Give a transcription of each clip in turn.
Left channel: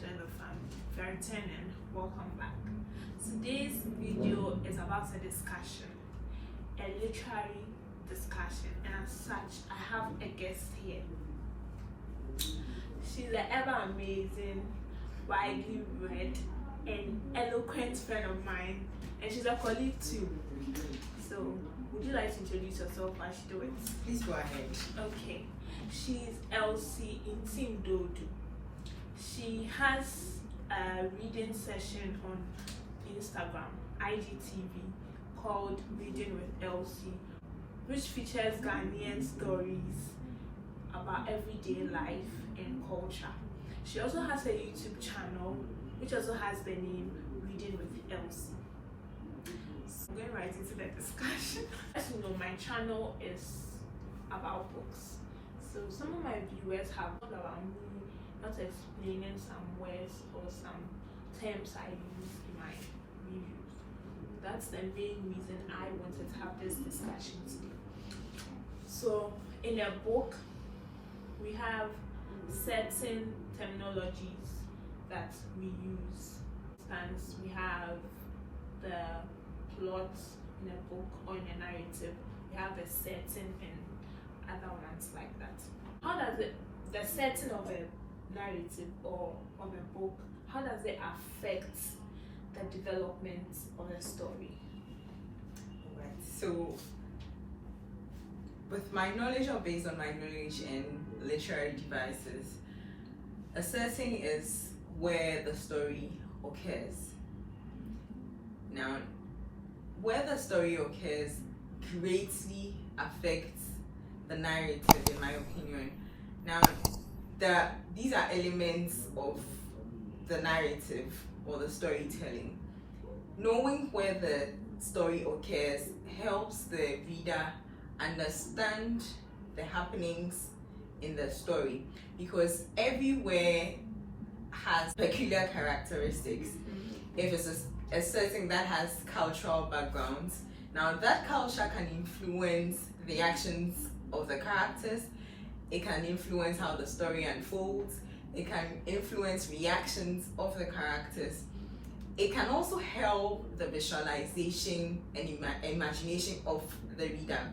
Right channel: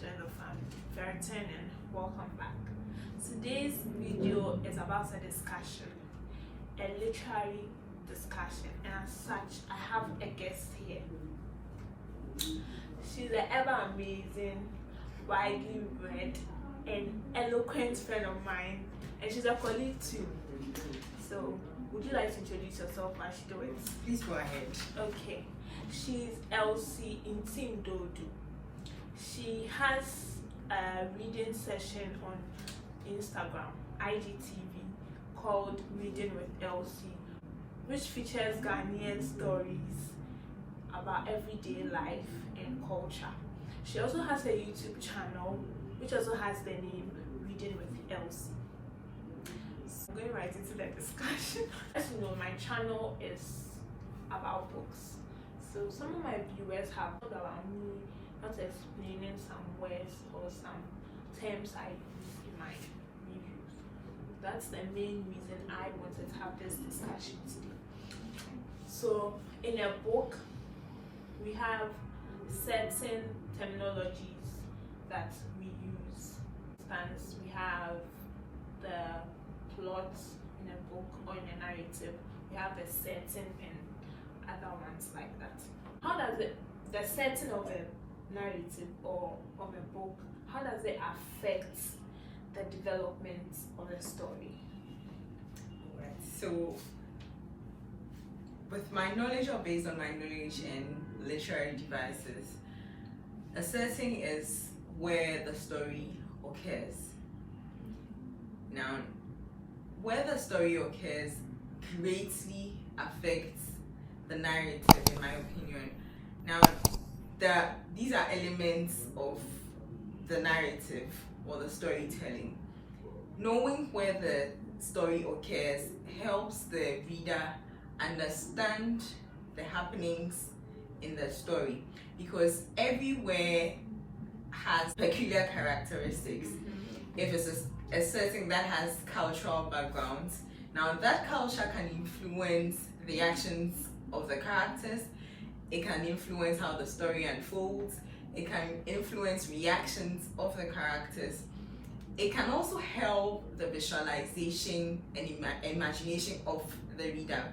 friends and the family. If you're returning, welcome back. Today's video is about a discussion, a literary discussion, and as such, I have a guest here. She's an ever amazing, widely read, and eloquent friend of mine, and she's a colleague too. So, would you like to introduce yourself as she do it? Please go ahead. Okay. She's Elsie Ntim-Doudu. She has a reading session on Instagram, IGTV, called Reading with Elsie, which features Ghanaian stories about everyday life and culture. She also has a YouTube channel, which also has the name Reading with Elsie. So I'm going right into the discussion. As you know, my channel is about books. So some of my viewers have heard about me not explaining some words or some terms I use in my reviews. That's the main reason I wanted to have this discussion today. So in a book, we have certain terminologies that we use. For instance, we have the plot in a book or in a narrative. We have the setting and other ones like that. How does the setting of a narrative or of a book, how does it affect the development of the story? Right. So, with my knowledge or based on my knowledge in literary devices, a setting is where the story occurs. Now, where the story occurs greatly affects the narrative, in my opinion. Now, these are elements of the narrative or the storytelling. Knowing where the story occurs helps the reader understand the happenings in the story, because everywhere has peculiar characteristics. If it's a setting that has cultural backgrounds, now that culture can influence the actions of the characters, it can influence how the story unfolds, it can influence reactions of the characters. It can also help the visualization and imagination of the reader,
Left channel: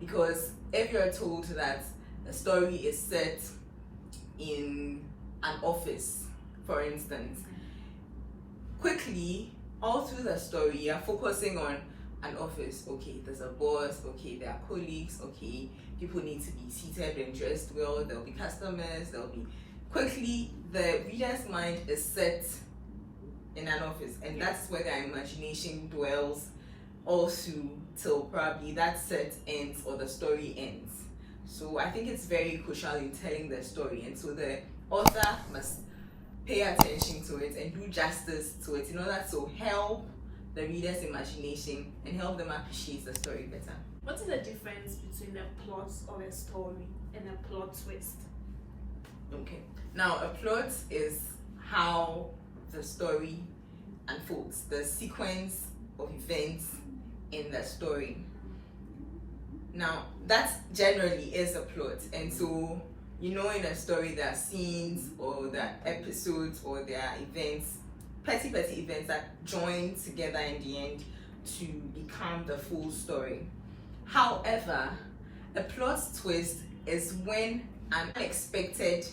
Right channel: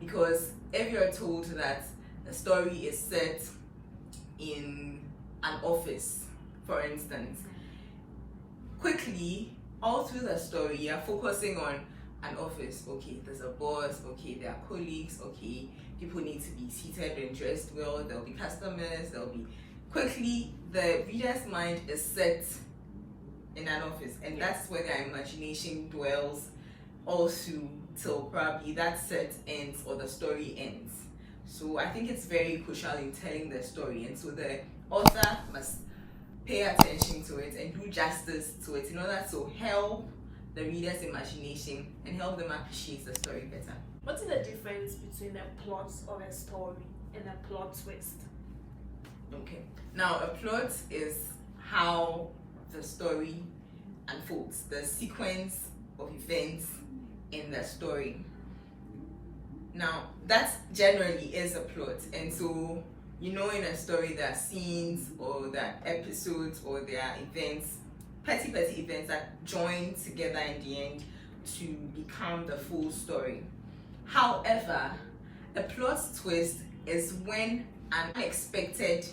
because if you're told that the story is set in an office, for instance, quickly all through the story you're focusing on an office. Okay, there's a boss, okay, there are colleagues, okay, people need to be seated and dressed well, there'll be customers, quickly the reader's mind is set in an office, and that's where their imagination dwells also till probably that set ends or the story ends. So I think it's very crucial in telling the story, and so the author must pay attention to it and do justice to it in order to help the reader's imagination and help them appreciate the story better. What is the difference between a plot of a story and a plot twist? Okay, now a plot is how the story unfolds, the sequence of events in the story. Now that generally is a plot, and so in a story there are scenes or there are episodes or there are events, petty events that join together in the end to become the full story. However, a plot twist is when an unexpected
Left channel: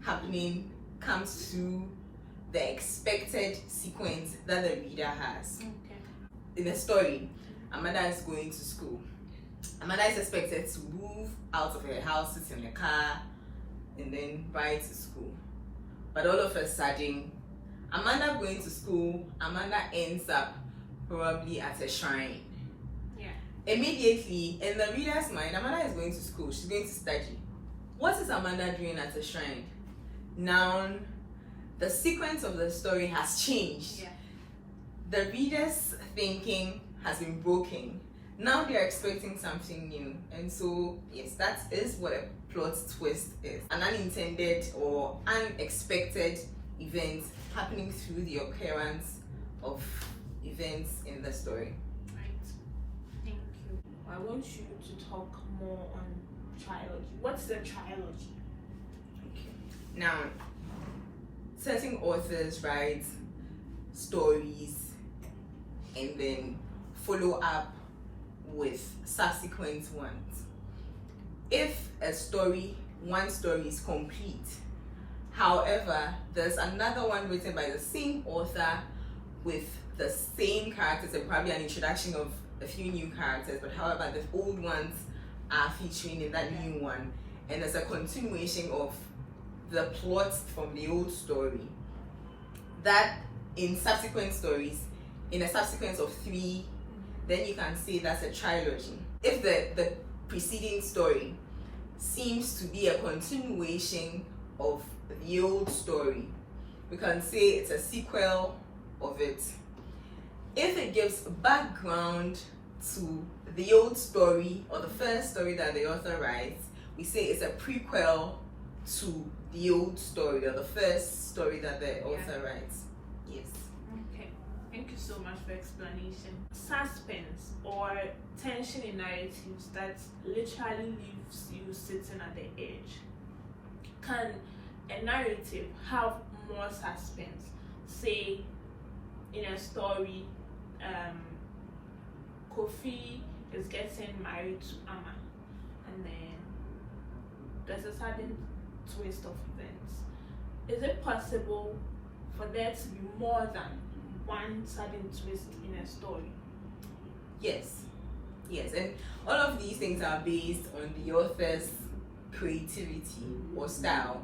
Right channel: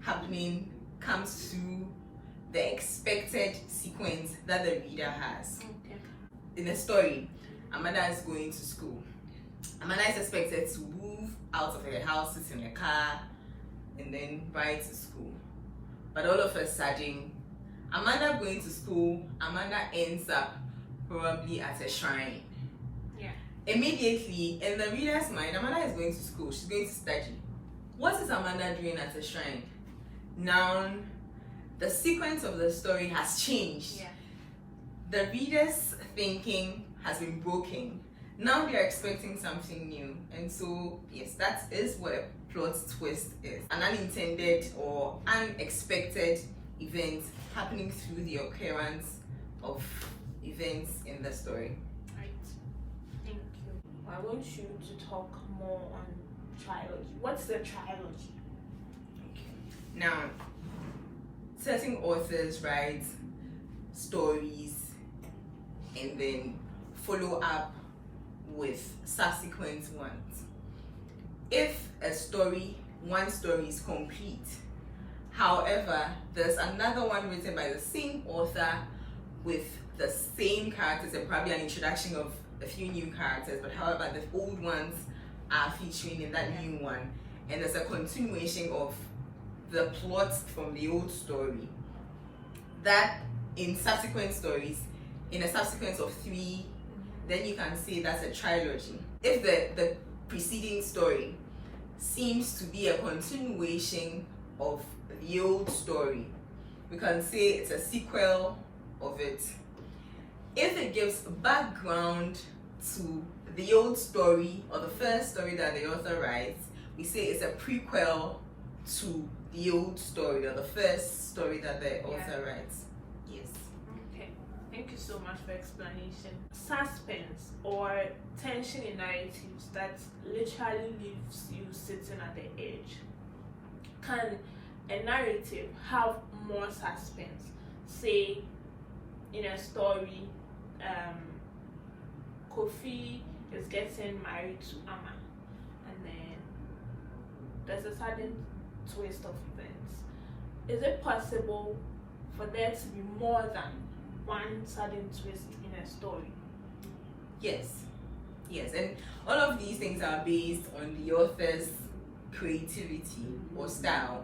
happening comes to the expected sequence that the reader has. Okay. In the story, Amanda is going to school. Amanda is expected to move out of her house, sit in a car, and then ride to school. But all of a sudden, Amanda going to school, Amanda ends up probably at a shrine. Yeah. Immediately, in the reader's mind, Amanda is going to school, she's going to study. What is Amanda doing at a shrine? Now, the sequence of the story has changed. Yeah. The reader's thinking has been broken. Now they're expecting something new. And so, yes, that is what a plot twist is. An unintended or unexpected event happening through the occurrence of events in the story. Right. Thank you. I want you to talk more on trilogy. What's the trilogy? Okay. Now, certain authors write stories and then follow up with subsequent ones. If one story is complete, however, there's another one written by the same author with the same characters and probably an introduction of a few new characters, but however, the old ones are featuring in that new one, and there's a continuation of the plot from the old story. That in subsequent stories, in a subsequence of 3, then you can say that's a trilogy. If the preceding story seems to be a continuation of the old story, we can say it's a sequel of it. If it gives background to the old story or the first story that the author writes, we say it's a prequel to the old story or the first story that the author writes. Yes. Okay, thank you so much for explanation. Suspense or tension in narratives that literally leaves you sitting at the edge. Can a narrative have more suspense? Say in a story, Kofi is getting married to Amma, and then there's a sudden twist of events. Is it possible for there to be more than one sudden twist in a story? Yes, and all of these things are based on the author's creativity or style.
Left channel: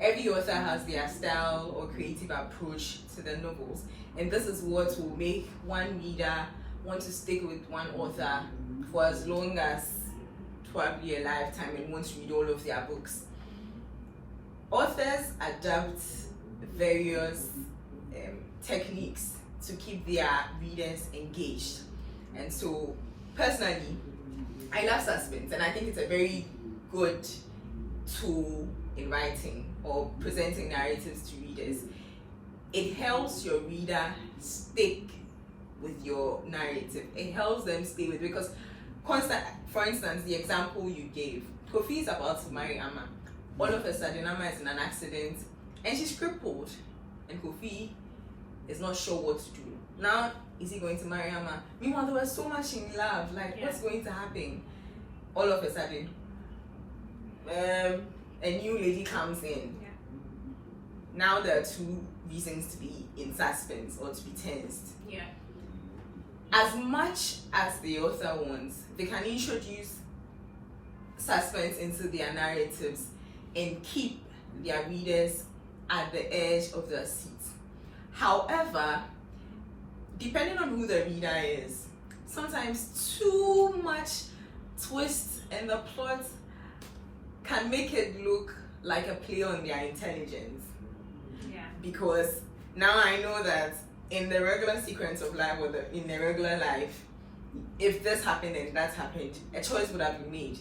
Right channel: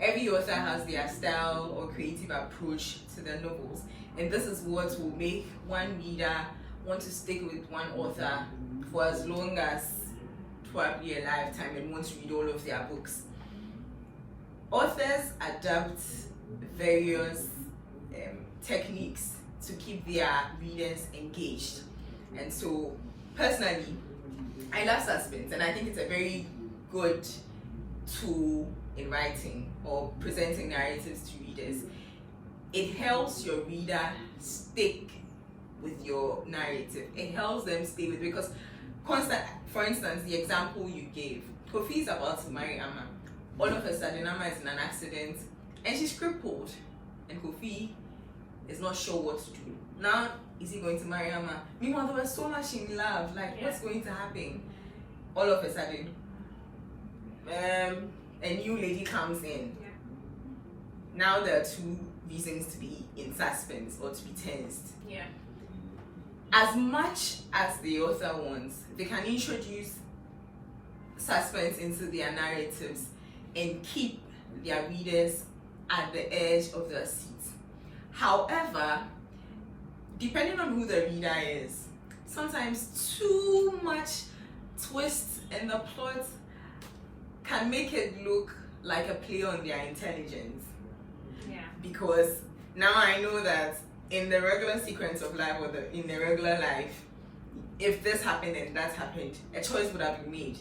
Every author has their style or creative approach to their novels, and this is what will make one reader want to stick with one author for as long as probably a lifetime and want to read all of their books. Authors adapt various techniques to keep their readers engaged, and so personally I love suspense, and I think it's a very good tool in writing or presenting narratives to readers. It helps your reader stick with your narrative. It helps them stay with, because for instance, the example you gave, Kofi is about to marry Amma. All of a sudden, Amma is in an accident and she's crippled, and Kofi is not sure what to do. Now, is he going to marry Amma? Meanwhile, they were so much in love. What's going to happen? All of a sudden, a new lady comes in. Yeah. Now there are 2 reasons to be in suspense or to be tensed. Yeah. As much as the author wants, they can introduce suspense into their narratives and keep their readers at the edge of their seats. However, depending on who the reader is, sometimes too much twists in the plot can make it look like a play on their intelligence. Yeah. Because now I know that in the regular sequence of life, or in the regular life, if this happened and that happened, a choice would have been made.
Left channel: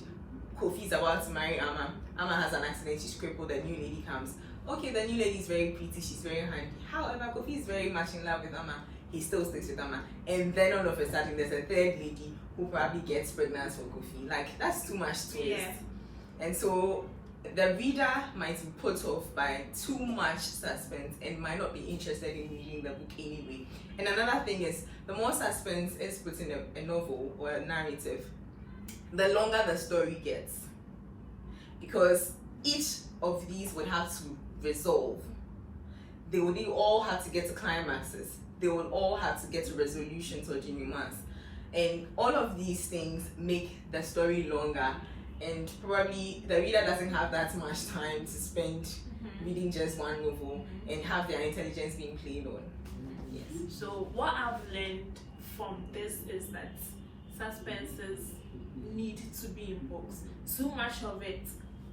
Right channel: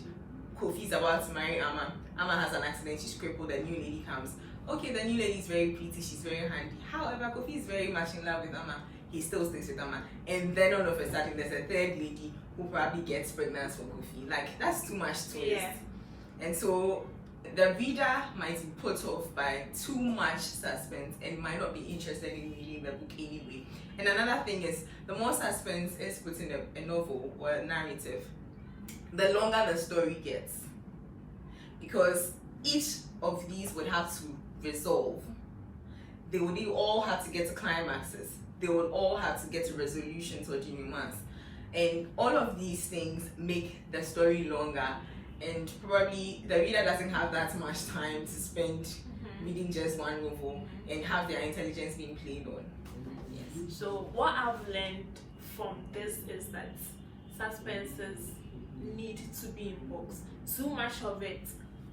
Kofi's about to marry Amma. Amma has an accident, she's crippled, a new lady comes. Okay, the new lady is very pretty, she's very handy. However, Kofi is very much in love with Amma. He still sticks with Amma. And then all of a sudden, there's a third lady who probably gets pregnant for Kofi. That's too much twist. Yeah. And so the reader might be put off by too much suspense and might not be interested in reading the book anyway. And another thing is, the more suspense is put in a novel or a narrative, the longer the story gets, because each of these would have to resolve. They would all have to get to climaxes. They would all have to get to resolutions or denouements. And all of these things make the story longer, and probably the reader doesn't have that much time to spend reading just one novel and have their intelligence being played on. Yes. So what I've learned from this is that suspenses need to be in books. Too much of it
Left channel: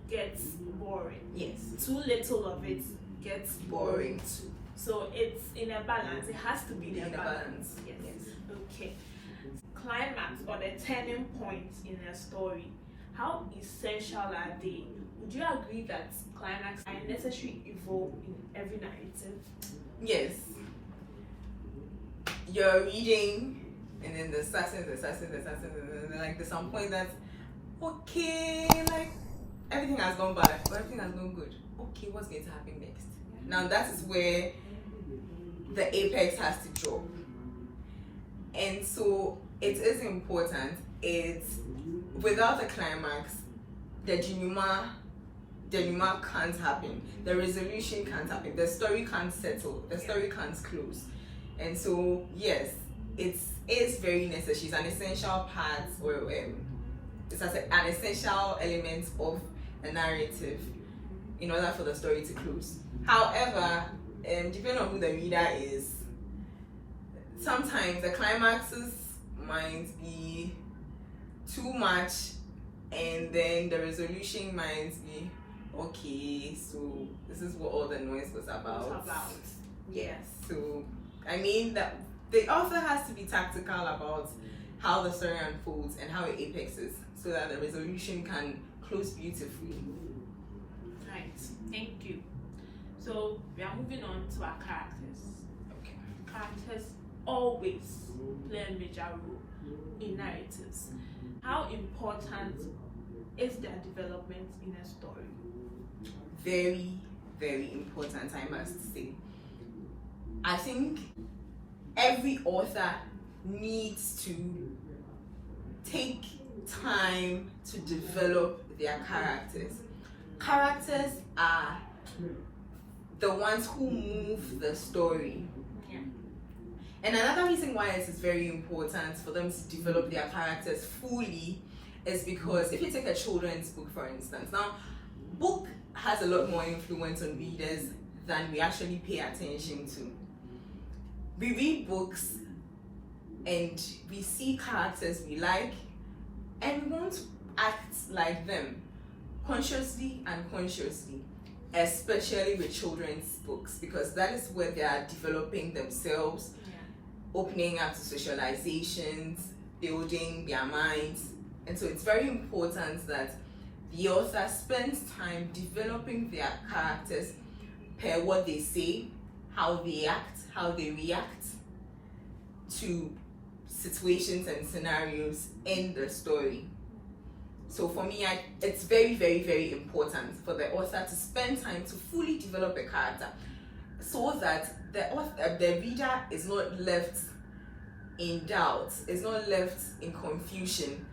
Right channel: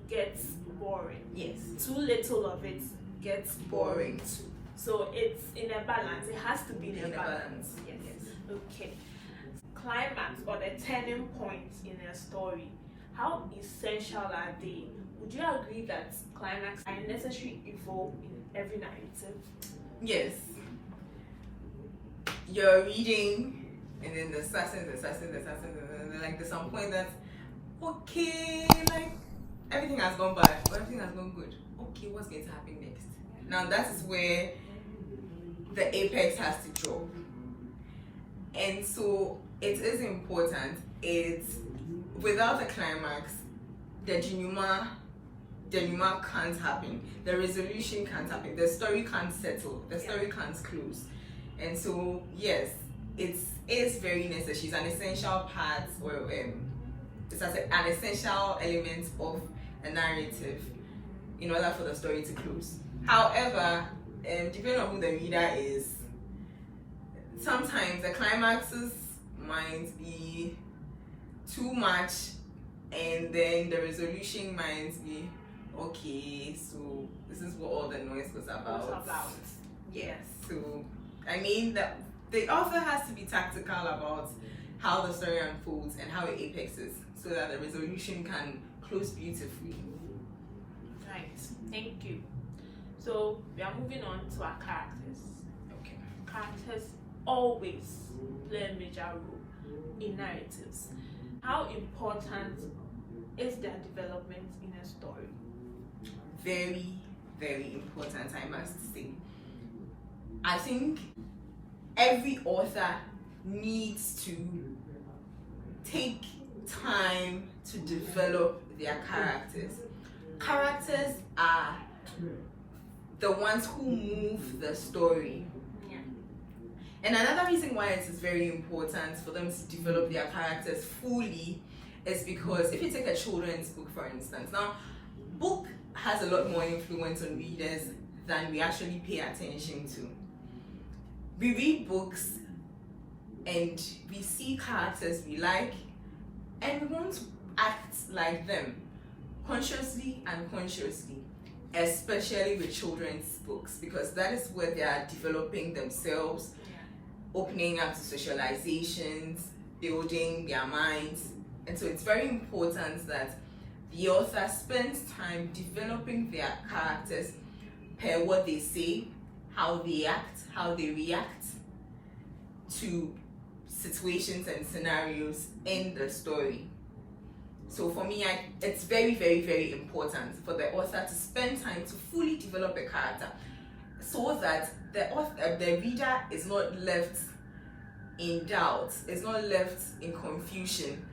gets boring. Yes. Too little of it gets boring too. So it's in a balance. It has to be in a balance. Yes. Okay. Climax or the turning point in a story, how essential are they? Would you agree that climax are a necessary evil in every narrative? Yes. You're reading, and then the suspense, and then there's some point that, okay, everything has gone bad, but everything has gone good. Okay, what's going to happen next? Now that is where the apex has to drop. And so it is important. It's without the climax, the denouement can't happen, the resolution can't happen, the story can't settle, the story can't close. And so yes, it's very necessary. It's an essential part, or it's an essential element of a narrative in order for the story to close. However, depending on who the reader is, sometimes the climaxes might be too much, and then the resolution might be okay. So this is what all the noise was about. Yes. So I mean that the author has to be tactical about how the story unfolds and how it apexes, so that the resolution can close beautifully. Nice, thank you. So we are moving on to our characters. Okay. Characters always play a major role in narratives. How important is their development in a story? Very, very important, I must say. I think every author needs to take time to develop their characters. Characters are the ones who move the story. Yeah. And another reason why it is very important for them to develop their characters fully is because if you take a children's book, for instance, now book has a lot more influence on readers than we actually pay attention to. We read books and we see characters we like and we want to act like them, consciously and unconsciously, especially with children's books, because that is where they are developing themselves, opening up to socializations, building their minds. And so it's very important that the author spends time developing their characters per what they say, how they act, how they react to situations and scenarios in the story. So for me, it's very, very, very important for the author to spend time to fully develop a character, so that the reader is not left in doubt, is not left in confusion.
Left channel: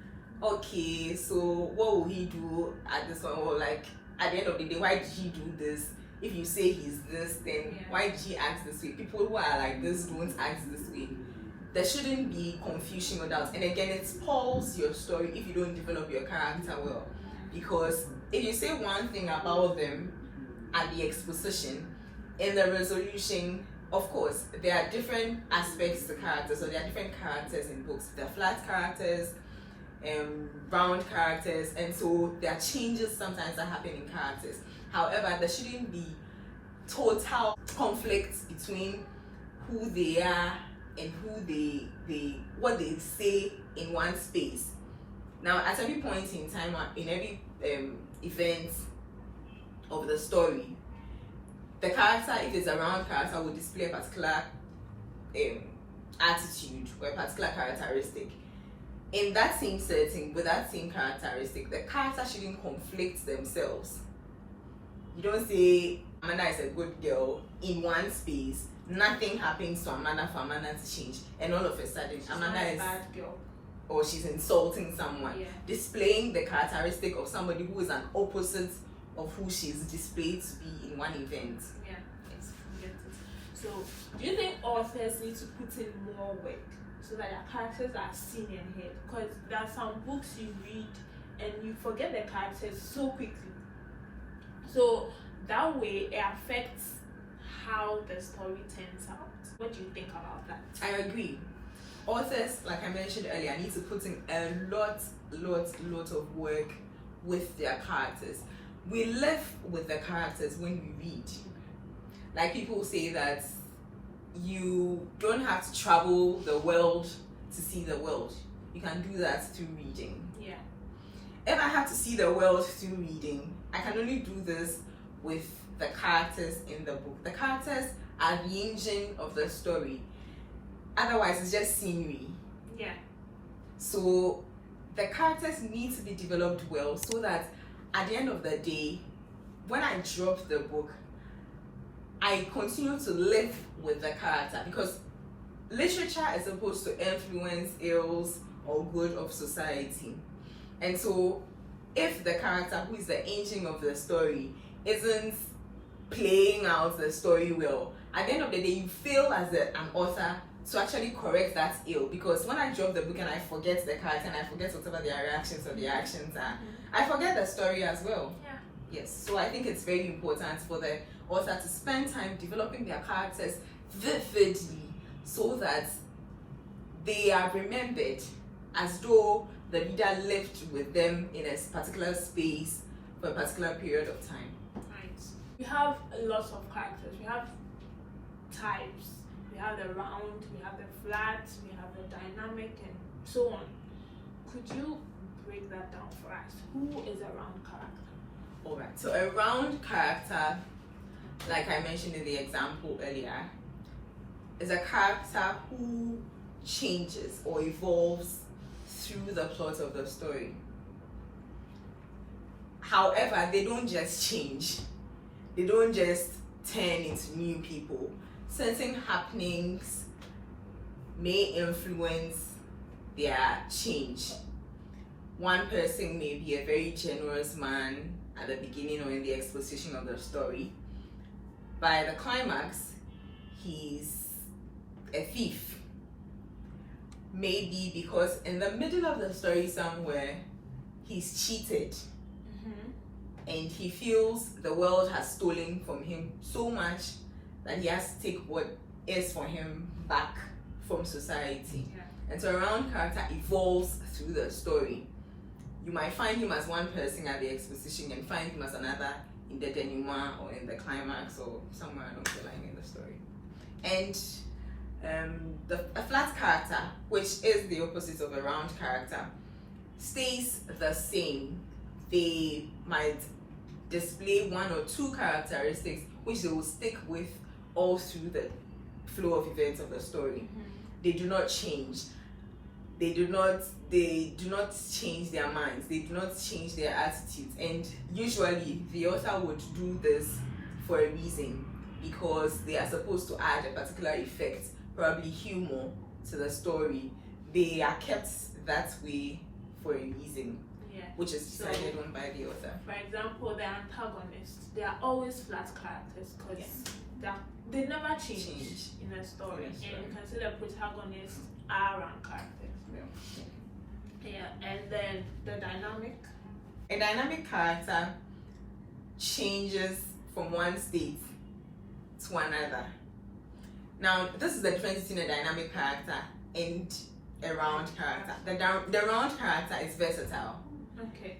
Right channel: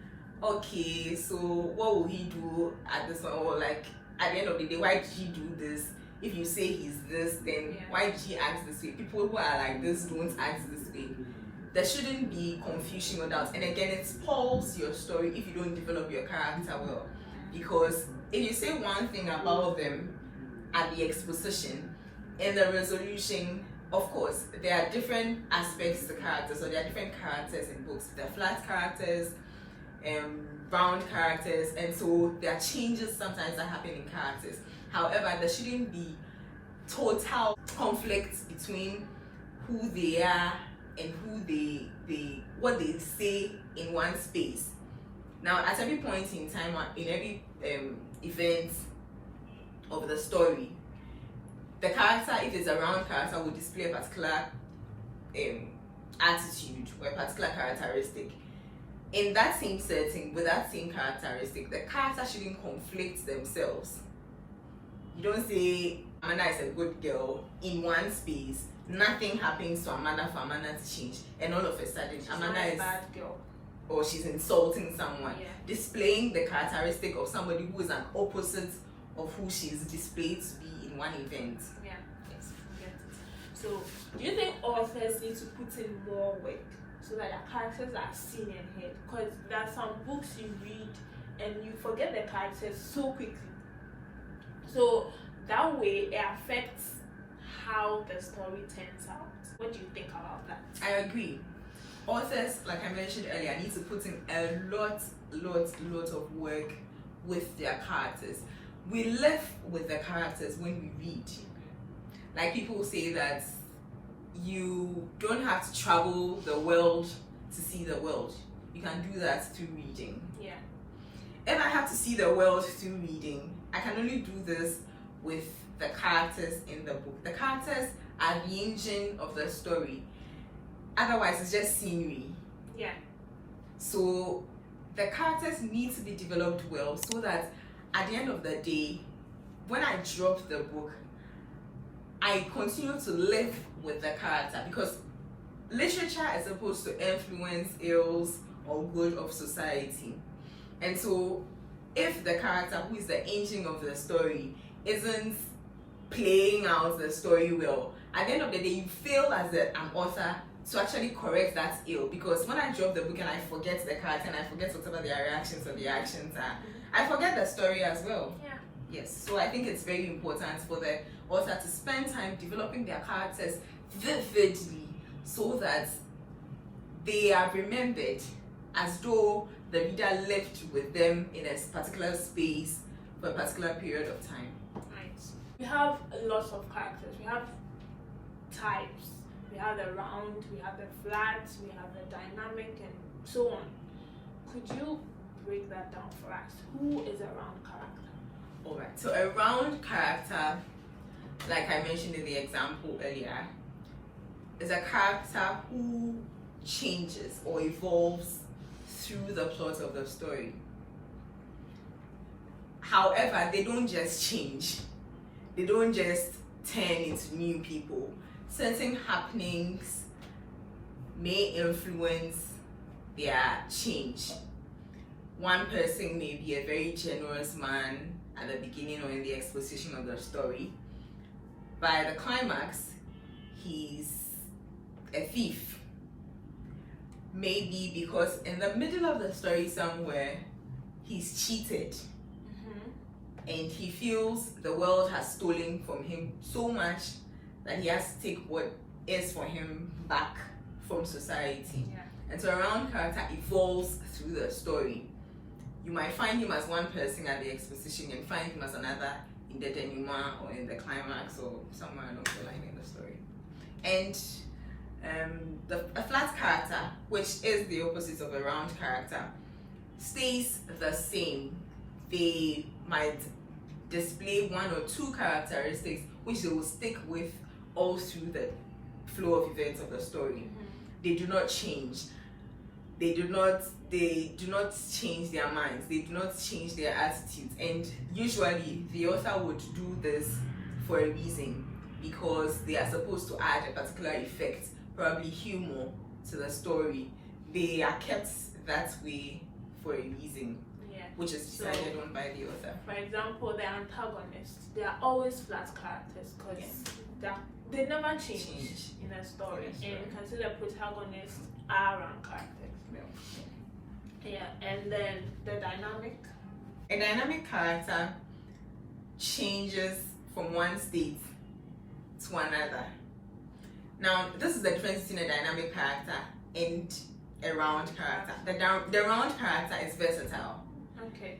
Okay, so what will he do at this one? Or like at the end of the day, why did he do this? If you say he's this, then why did he act this way? People who are like this don't act this way. There shouldn't be confusion or doubt. And again, it spoils your story if you don't develop your character well. Because if you say one thing about them at the exposition, in the resolution, of course, there are different aspects to characters. So there are different characters in books. There are flat characters, round characters, and so there are changes sometimes that happen in characters. However, there shouldn't be total conflict between who they are and who what they say in one space. Now, at every point in time, in every event of the story, the character, if it's a round character, will display a particular attitude or a particular characteristic. In that same setting, with that same characteristic, the character shouldn't conflict themselves. You don't say Amanda is a good girl in one space, nothing happens to Amanda for Amanda to change, and all of a sudden Amanda is a bad girl, or she's insulting someone, displaying the characteristic of somebody who is an opposite of who she's displayed to be in one event. Yeah, yes, I get it. So, do you think authors need to put in more work so that their characters are seen and heard? Because there are some books you read and you forget the characters so quickly. So that way it affects how the story turns out. What do you think about that? I agree. Authors, like I mentioned earlier, need to put in a lot of work with their characters. We live with the characters when we read. Like people say that you don't have to travel the world to see the world. You can do that through reading. Yeah. If I have to see the world through reading, I can only do this with the characters in the book. The characters are the engine of the story. Otherwise, it's just scenery. Yeah. So the characters need to be developed well, so that at the end of the day, when I drop the book, I continue to live with the character, because literature is supposed to influence ills or good of society. And so if the character, who is the engine of the story, isn't playing out the story well, at the end of the day you fail as an author to actually correct that ill. Because when I drop the book and I forget the character and I forget whatever their reactions or the actions are, I forget the story as well. Yeah. Yes, so I think it's very important for the author to spend time developing their characters vividly, so that they are remembered as though the reader lived with them in a particular space for a particular period of time. Right. We have lots of characters. We have types. We have the round, we have the flat, we have the dynamic, and so on. Could you break that down for us? Who is a round character? Alright, so a round character, like I mentioned in the example earlier, is a character who changes or evolves through the plot of the story. However, they don't just change. They don't just turn into new people. Certain happenings may influence their change. One person may be a very generous man at the beginning or in the exposition of the story. By the climax, he's a thief. Maybe because in the middle of the story somewhere, he's cheated. And he feels the world has stolen from him so much that he has to take what is for him back from society. Yeah. And so a round character evolves through the story. You might find him as one person at the exposition and find him as another in the denouement or in the climax or somewhere along the line in the story. And a flat character, which is the opposite of a round character, stays the same. They might display one or two characteristics which they will stick with all through the flow of events of the story. They do not change. They do not change their minds. They do not change their attitudes. And usually the author would do this for a reason, because they are supposed to add a particular effect, probably humor, to the story. They are kept that way for a reason, which is decided on by the author. For example, the antagonists, they are always flat characters because they never change in a story. Yes, and right. you can see the protagonists are round characters. Yeah, and then the dynamic. A dynamic character changes from one state to another. Now, this is the difference between a dynamic character and a round character. The round character is versatile. Okay.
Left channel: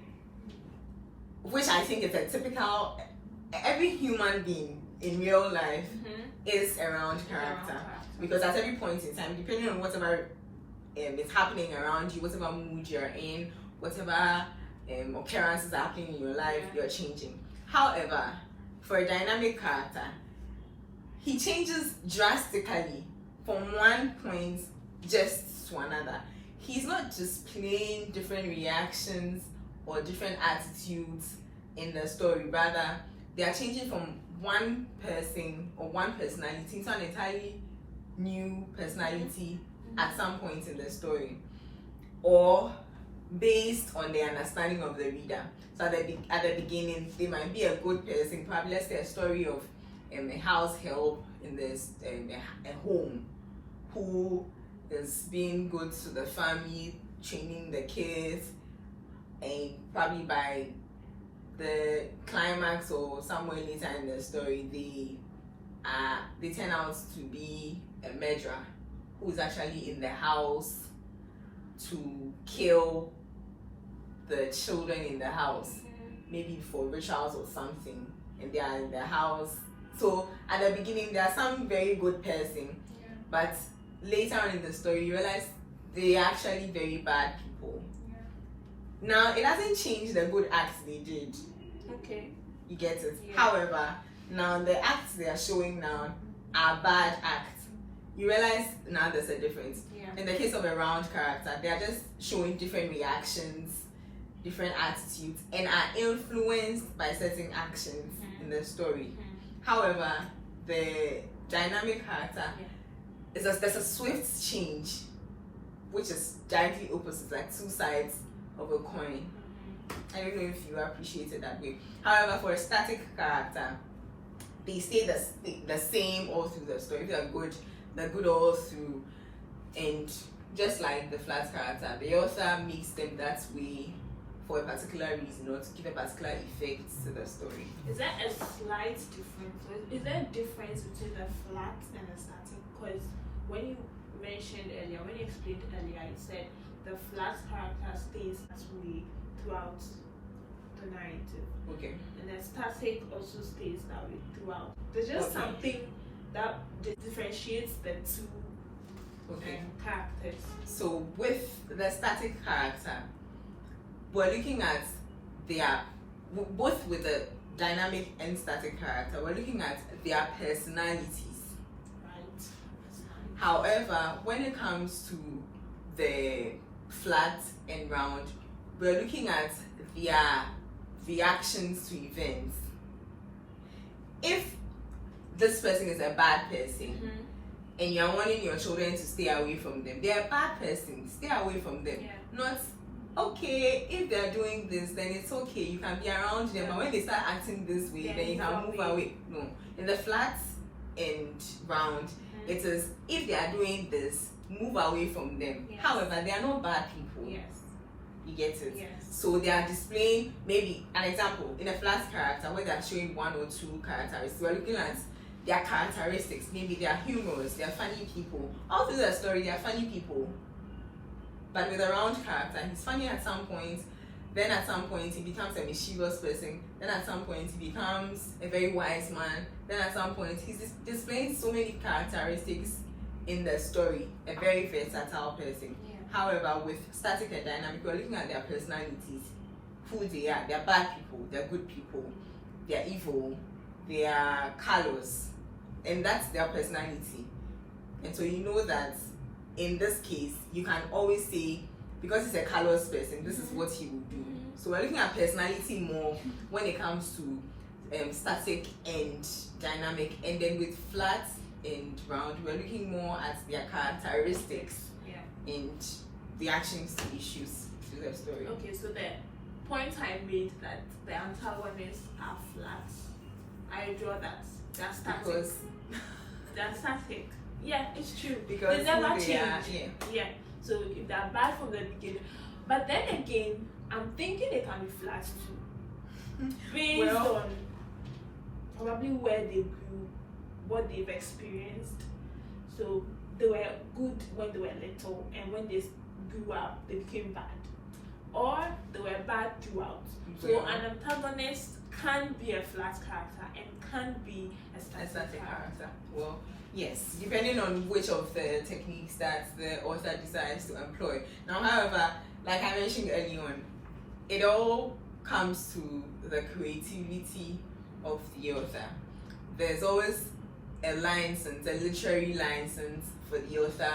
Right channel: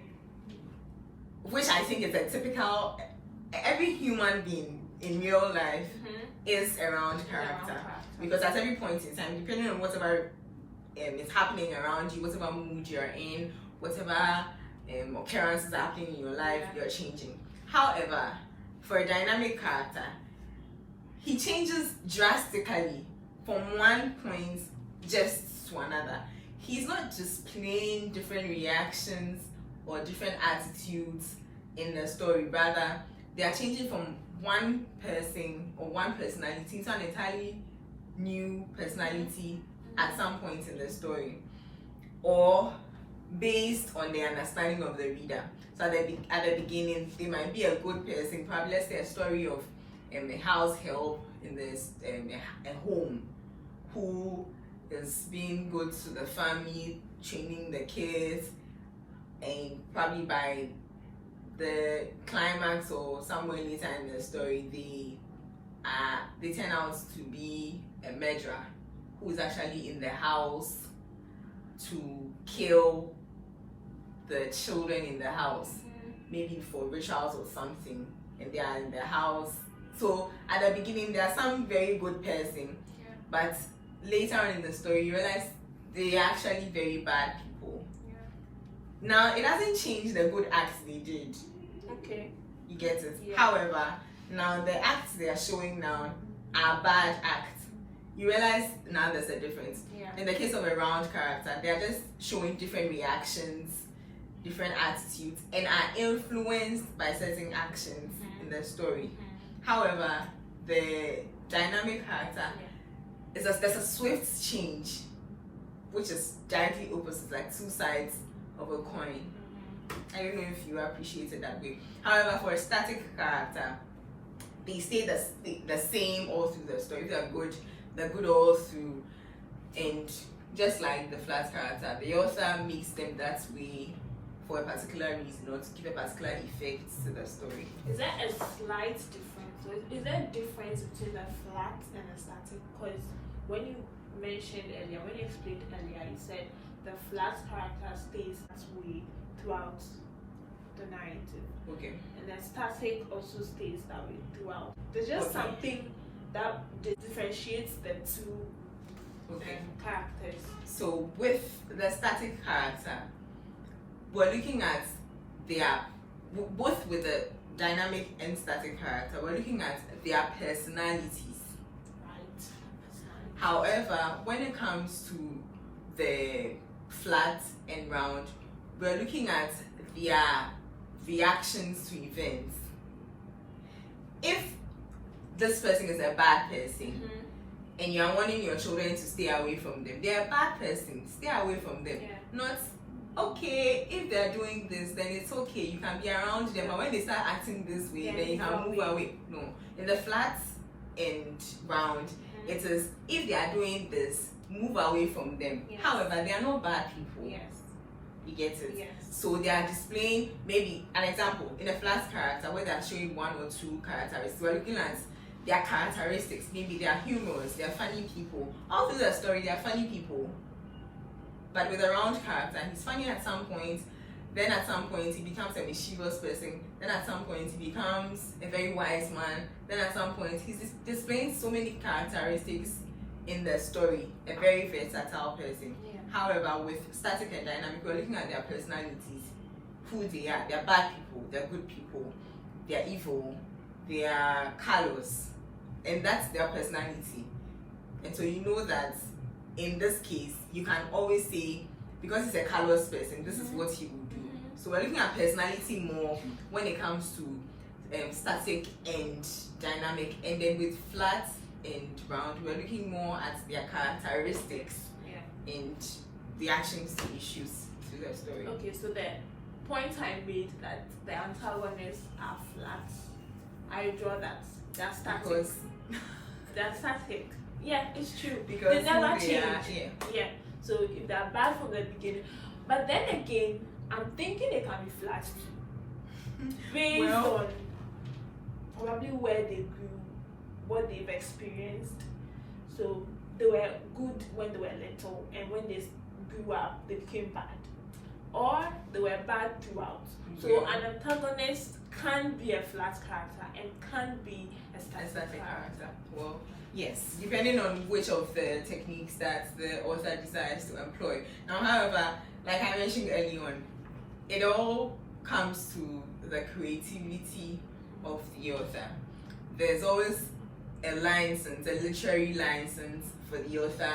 Which I think is a typical, every human being in real life is a round character. Because at every point in time, depending on whatever is happening around you, whatever mood you're in, whatever occurrences are happening in your life, you're changing. However, for a dynamic character, he changes drastically from one point just to another. He's not displaying different reactions or different attitudes in the story. Rather, they are changing from one person or one personality to an entirely new personality at some point in the story, or based on the understanding of the reader. So at the beginning, they might be a good person, probably let's say a story of a house help in this a home who is being good to the family, training the kids, and probably by the climax or somewhere later in the story, they turn out to be a murderer who is actually in the house to kill the children in the house, maybe for rituals or something, and they are in the house. So at the beginning, they are some very good person, but later on in the story, you realize they are actually very bad people. Now, it doesn't change the good acts they did. Okay. You get it? However, now the acts they are showing now are bad acts. You realize now there's a difference. In the case of a round character, they are just showing different reactions, different attitudes, and are influenced by certain actions in the story. However, the dynamic character, there's a swift change, which is directly opposite, like two sides of a coin. I don't know if you appreciate it that way. However, for a static character, they stay the same all through the story. If they're good all through. And just like the flat character, the author makes them that way for a particular reason, or to give a particular effect to the story. Is there a slight difference? Is there a difference between the flat and the static? Because when you mentioned earlier, when you explained earlier, you said the flat character stays that way throughout the narrative. Okay. And the static also stays that way throughout. There's just something that differentiates the two characters. So with the static character, we're looking at both with the dynamic and static character, we're looking at their personalities. Right. However, when it comes to the flat and round, we're looking at their reactions to events. If this person is a bad person, and you're wanting your children to stay away from them, they're a bad person, stay away from them. Not, okay, if they're doing this, then it's okay, you can be around them, but when they start acting this way, then you can move away. No, in the flat and round, it is, if they are doing this, move away from them. However, they are not bad people. You get it? So they are displaying, maybe an example in a flat character where they are showing one or two characteristics. We're looking at their characteristics. Maybe they are humorous, they are funny people. All through the story, they are funny people. But with a round character, he's funny at some point, then at some point he becomes a mischievous person, then at some point he becomes a very wise man, then at some point he's displaying so many characteristics in the story, a very versatile person. However, with static and dynamic, we're looking at their personalities, who they are. They're bad people, they're good people, they're evil, they are callous, and that's their personality. And so you know that in this case, you can always say, because he's a callous person, this is what he would do. So we're looking at personality more when it comes to static and dynamic, and then with flat and round, we're looking more at their characteristics and reactions to issues to the story. Okay, so the point I made that the antagonists are flat, I draw that they're static. Because they're static. Yeah, it's true. Because they never change. Yeah. So if they're bad from the beginning, but then again, I'm thinking they can be flat too, based on probably where they grew, what they've experienced. So they were good when they were little, and when they grew up, they became bad, or they were bad throughout. So an antagonist can be a flat character and can be a static character. Well, yes, depending on which of the techniques that the author decides to employ. Now, however, like I mentioned early on, it all comes to the creativity of the author. There's always a license, a literary license for the author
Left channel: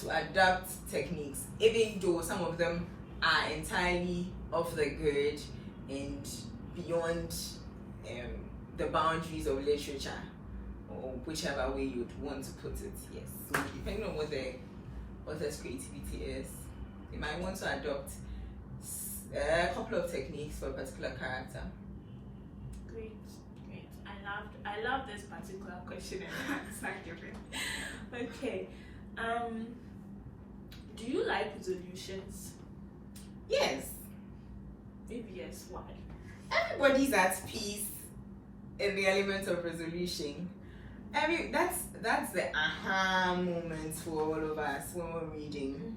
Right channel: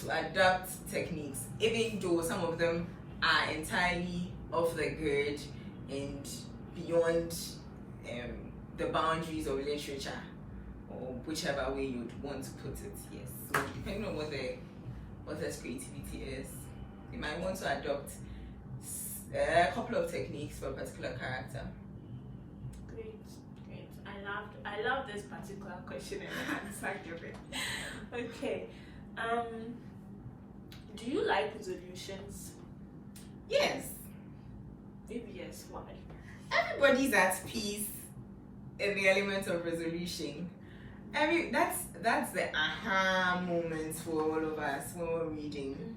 to adapt techniques, even though some of them are entirely off the grid and beyond the boundaries of literature, or whichever way you'd want to put it. Yes. So depending on what the author's creativity is, they might want to adopt a couple of techniques for a particular character. Great. I love this particular question and answer different. Okay. Do you like resolutions? Yes. Maybe yes. Why? Everybody's at peace in the element of resolution. That's the aha moment for all of us when we're reading.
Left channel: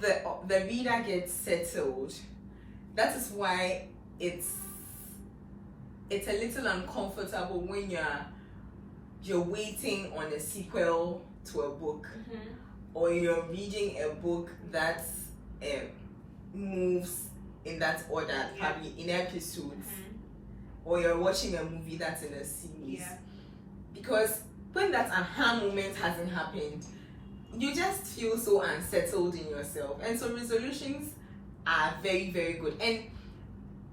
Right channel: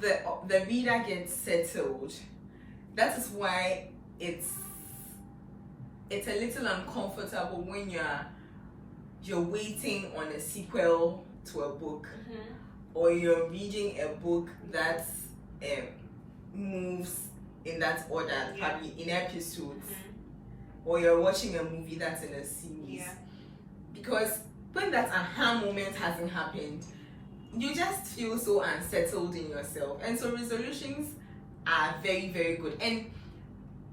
The reader gets settled. That is why it's a little uncomfortable when you're waiting on a sequel to a book, or you're reading a book that moves in that order, probably in episodes, or you're watching a movie that's in a series. Because when that aha moment hasn't happened, you just feel so unsettled in yourself. And so resolutions are very, very good. And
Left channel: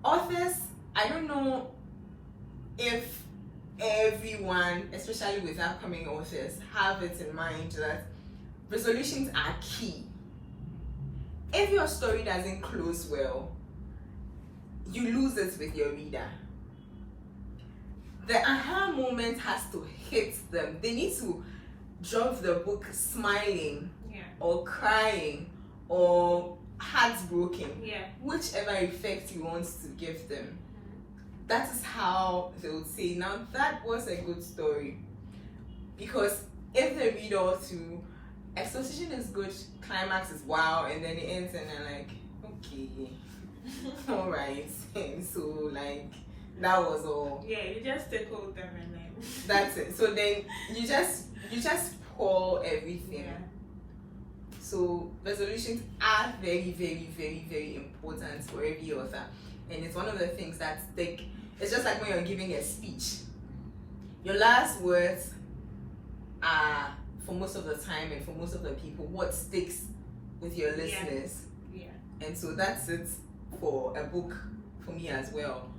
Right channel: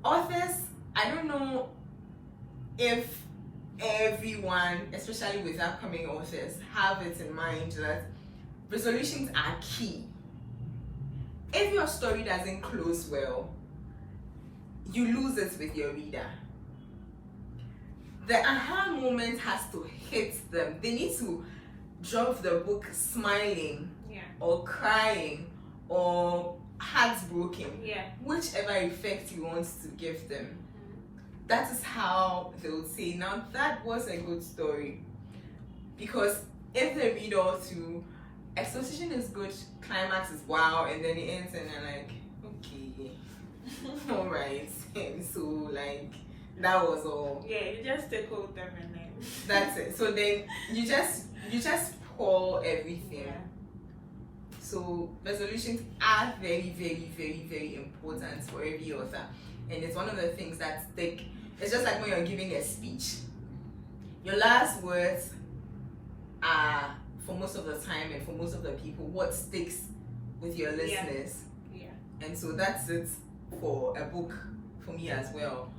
authors, I don't know if everyone, especially with upcoming authors, have it in mind that resolutions are key. If your story doesn't close well, you lose it with your reader. The aha moment has to hit them. They need to drop the book smiling, or crying, or heartbroken, whichever effect you want to give them. That is how they would say, now that was a good story. Because if they read all through, exposition is good, climax is wow, and then it ends and they're like, okay, all right, and so like that was all. Yeah, you just take all them and then that's it. So then you just pour everything. Yeah. So resolutions are very, very, very, very important for every author, and it's one of the things that stick. It's just like when you're giving a speech. Your last words are, for most of the time and for most of the people, what sticks with your listeners. Yeah. And so that's it for a book for me as well.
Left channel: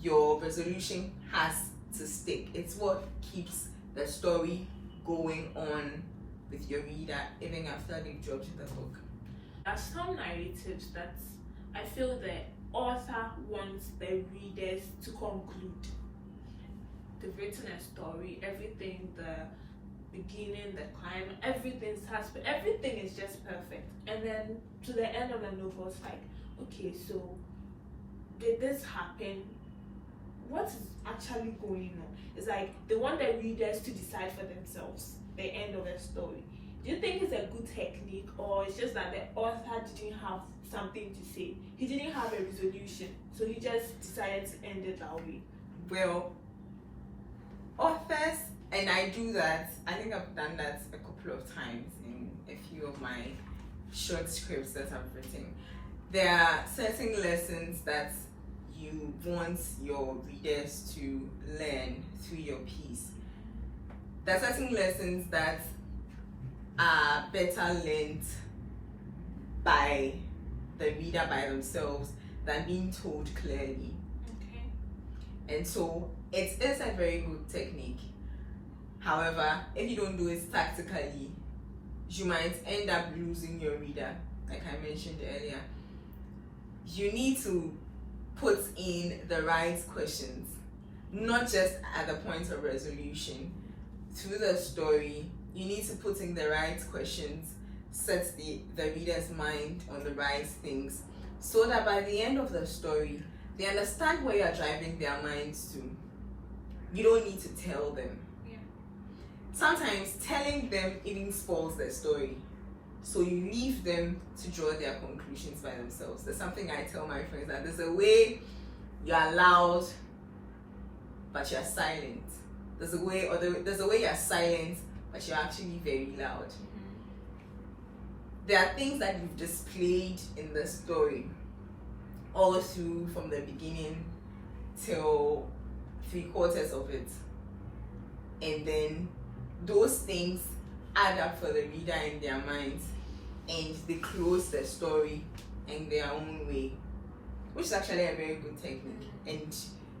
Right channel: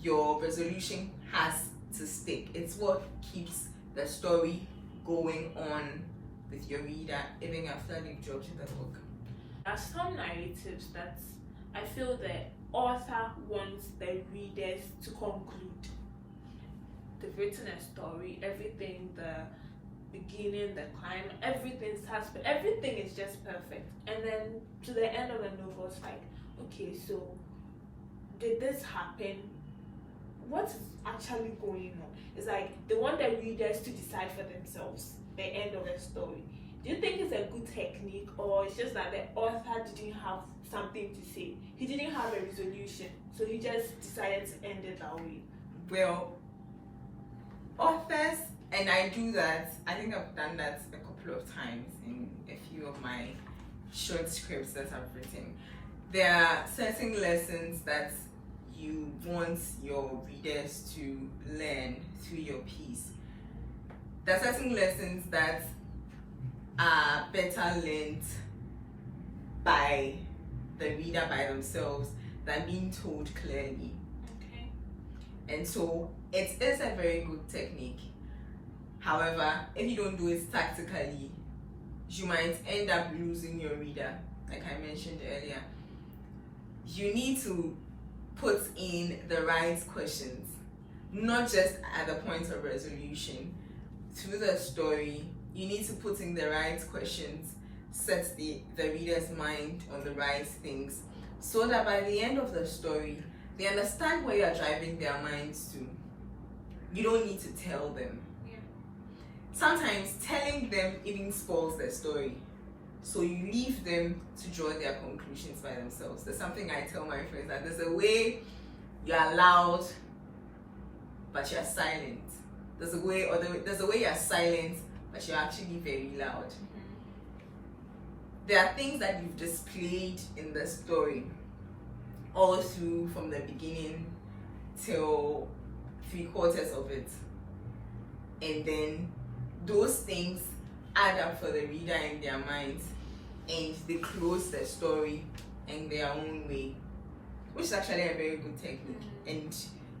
Your resolution has to stick. It's what keeps the story going on with your reader even after they've dropped the book. There are some narratives that I feel the author wants the readers to conclude. They've written a story, everything, the beginning, the climate, everything starts, but everything is just perfect. And then to the end of the novel, it's like, okay, so did this happen? What is actually going on? It's like they want the readers to decide for themselves the end of the story. Do you think it's a good technique, or it's just that the author didn't have something to say? He didn't have a resolution, so he just decided to end it that way. Well, authors, and I do that, I think I've done that a couple of times in a few of my short scripts that I've written. There are certain lessons that you want your readers to learn through your piece. There are certain lessons that are better learned by the reader by themselves than being told clearly. Okay. And so it is a very good technique. However, if you don't do it tactically, you might end up losing your reader, like I mentioned earlier. You need to put in the right questions, not just at the point of resolution. Through the story, you need to put in the right questions, set the reader's mind on the right things, so that by the end of the story, they understand where you're driving their minds to. You don't need to tell them. Yeah. Sometimes telling them even spoils the story. So you leave them to draw their conclusions by themselves. There's something I tell my friends, that there's a way you're loud, but you're silent. There's a way you're silent, but you're actually very loud. There are things that you've displayed in the story all through, from the beginning till 3/4 of it, and then those things add up for the reader in their minds, and they close the story in their own way, which is actually a very good technique. And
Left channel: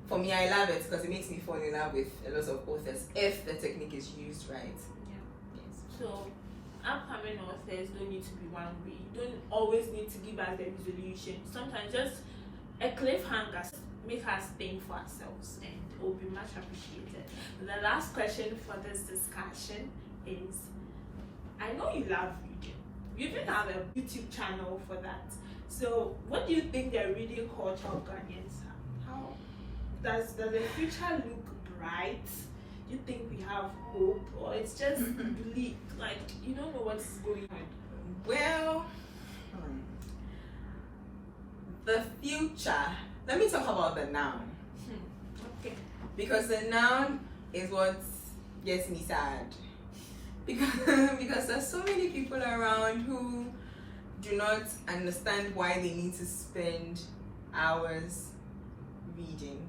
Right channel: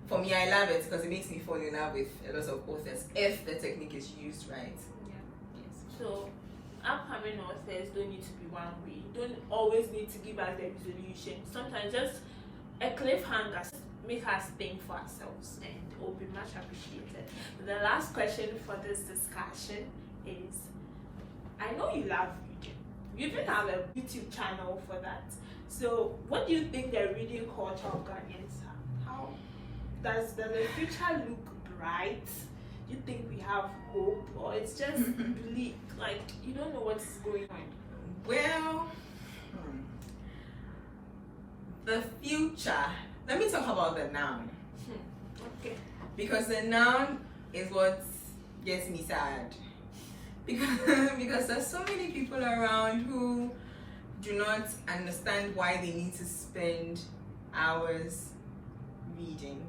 for me, I love it because it makes me fall in love with a lot of authors if the technique is used right. Yes. So upcoming authors don't need to be one way. You don't always need to give us the resolution. Sometimes just a cliffhanger make us think for ourselves, and it will be much appreciated. The last question for this discussion is, I know you love reading. You even have a YouTube channel for that. So what do you think the reading culture of Ghanaians have? How does the future look bright? Do you think we have hope, or it's just bleak, like you don't know what is going on? Well, the future, let me talk about the noun. Okay. Because the noun is what gets me sad. Because there's so many people around who do not understand why they need to spend hours reading,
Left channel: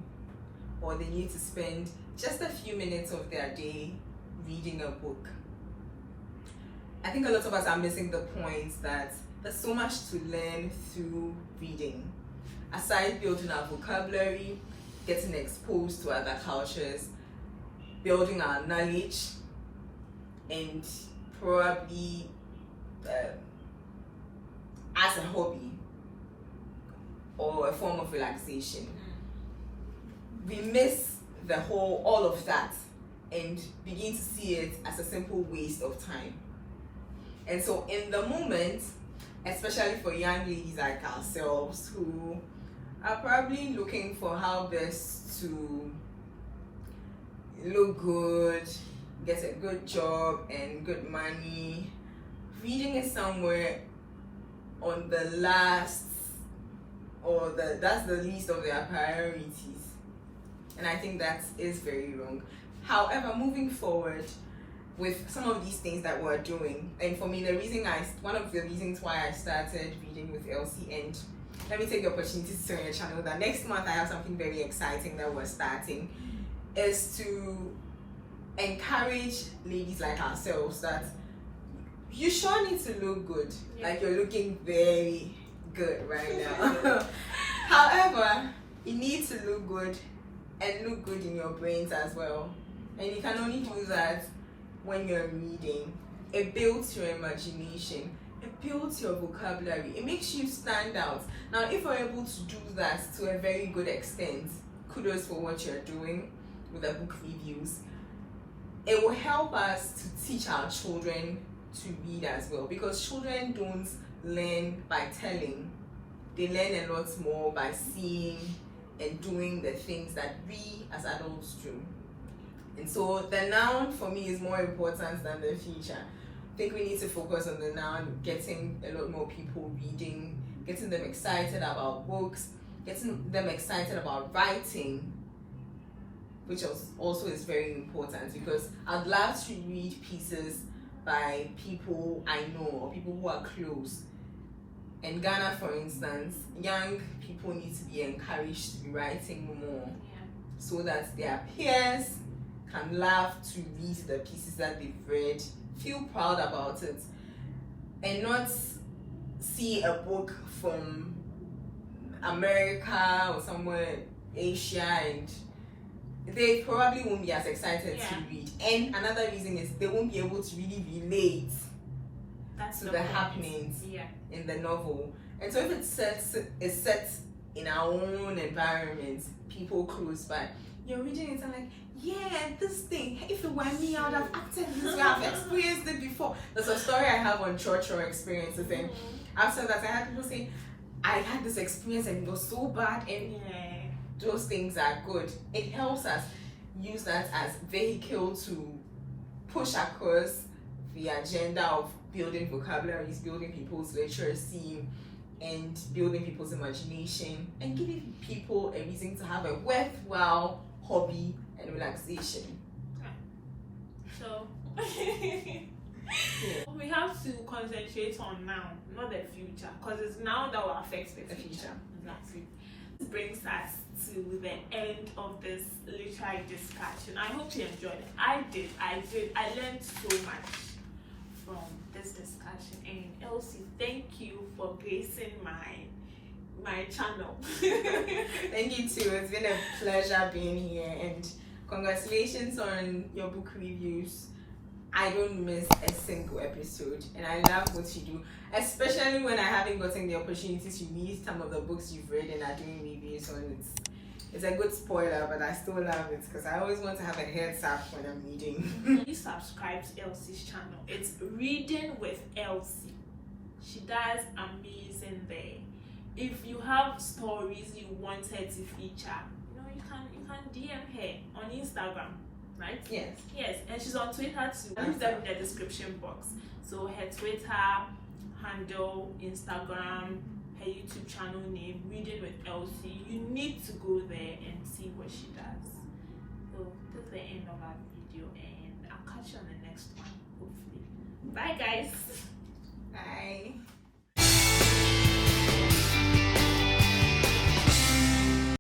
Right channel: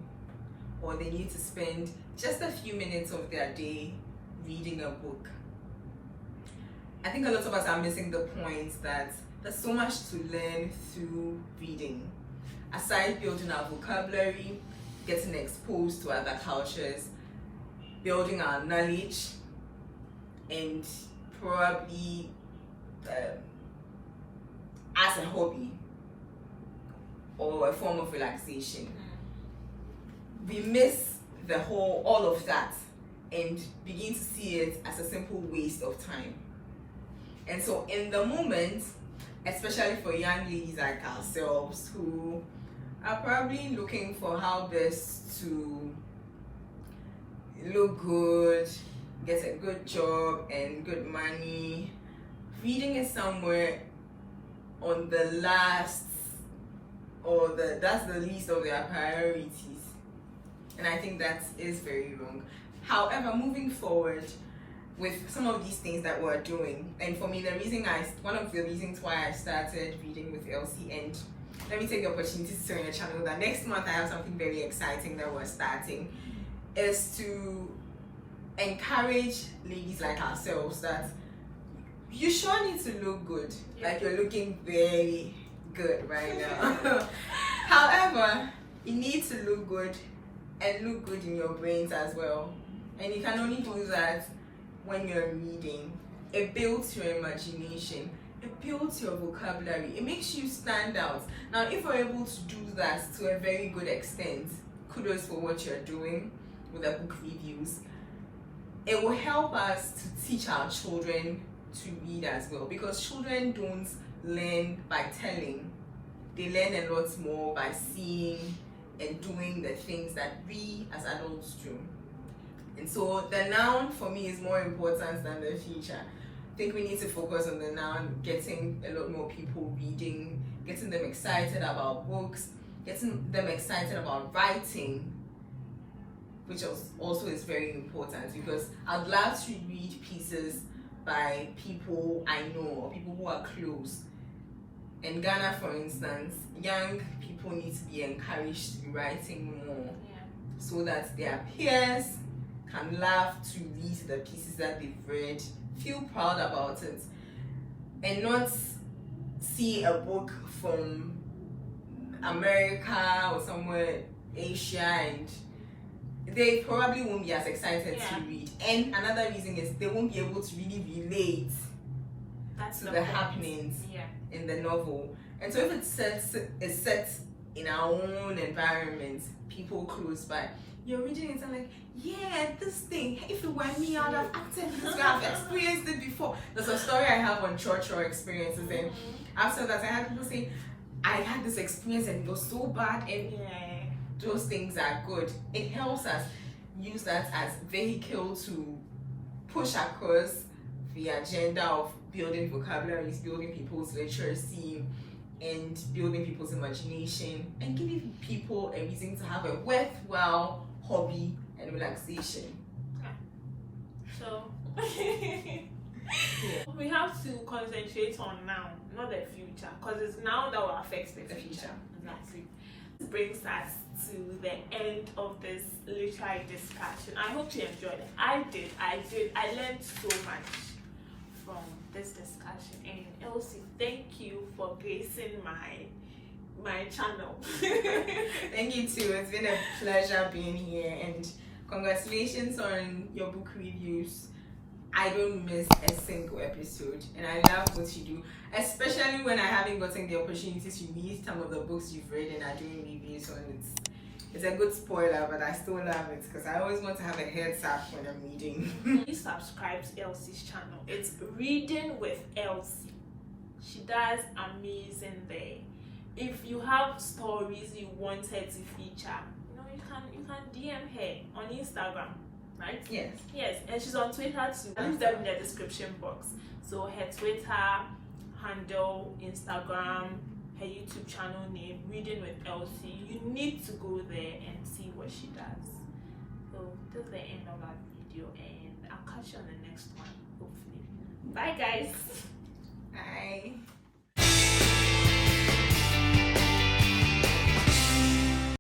or they need to spend just a few minutes of their day reading a book. I think a lot of us are missing the point that there's so much to learn through reading. Aside building our vocabulary, getting exposed to other cultures, building our knowledge and probably as a hobby or a form of relaxation. We miss all of that and begin to see it as a simple waste of time. And so in the moment, especially for young ladies like ourselves who are probably looking for how best to look good, get a good job and good money, reading is somewhere on the last or that's the least of their priorities. And I think that is very wrong. However, moving forward with some of these things that we're doing, and for me, one of the reasons why I started reading with Elsie, and let me take the opportunity to tell your channel that next month I have something very exciting that we're starting, is to encourage ladies like ourselves that you sure need to look good. Yeah. Like you're looking very good right now. However, you need to look good and look good in your brains as well. And you can only do that when you're reading. It builds your imagination, it builds your vocabulary, it makes you stand out. Now, if we're able to do that to a very good extent, kudos for what you're doing with the book reviews. It will help us to teach our children to read as well, because children don't learn by telling. They learn a lot more by seeing and doing the things that we as adults do. And so the noun for me is more important than the feature. I think we need to focus on the noun, getting a lot more people reading, getting them excited about books, getting them excited about writing, which also is very important, because I'd love to read pieces by people I know or people who are close. In Ghana, for instance, young people need to be encouraged to be writing more, so that their peers can love to read the pieces that they've read, feel proud about it, and not see a book from America or somewhere Asia and they probably won't be as excited to read. And another reason is they won't be able to really relate to the happenings in the novel. And so if it's set in our own environment, people close by, you're reading it and like, yeah, this thing, if it were me, I would have acted this way, I've experienced it before. There's a story I have on church experiences, and after that I had people say, I had this experience and it was so bad, and those things are good. It helps us use that as vehicle to push across the agenda of building vocabularies, building people's literacy, and building people's imagination, and giving people a reason to have a worthwhile hobby and relaxation. So we have to concentrate on now, not the future, because it's now that will affect the future. Exactly. This brings us to the end of this literary discussion. I hope you enjoyed it. I did. I learned so much from this discussion. And Elsie, thank you for gracing my channel. Thank you too. It's been a pleasure being here, and congratulations on your book reviews. I don't miss a single episode, and I love what you do, especially when I haven't gotten the opportunity to read some of the books you've read and are doing reviews on it. It's a good spoiler, but I still love it because I always want to have a heads up when I'm reading. Please subscribe to Elsie's channel. It's Reading with Elsie. She does amazing there. If you have stories you want her to feature, you can DM her on Instagram, right? Yes. Yes, and she's on Twitter too. I'll leave them in the description box. So her Twitter handle, Instagram, her YouTube channel name, Reading with Elsie. You need to go there and see what she does. So this is the end of our video, and I'll catch you on the next one, hopefully. Bye guys. Bye.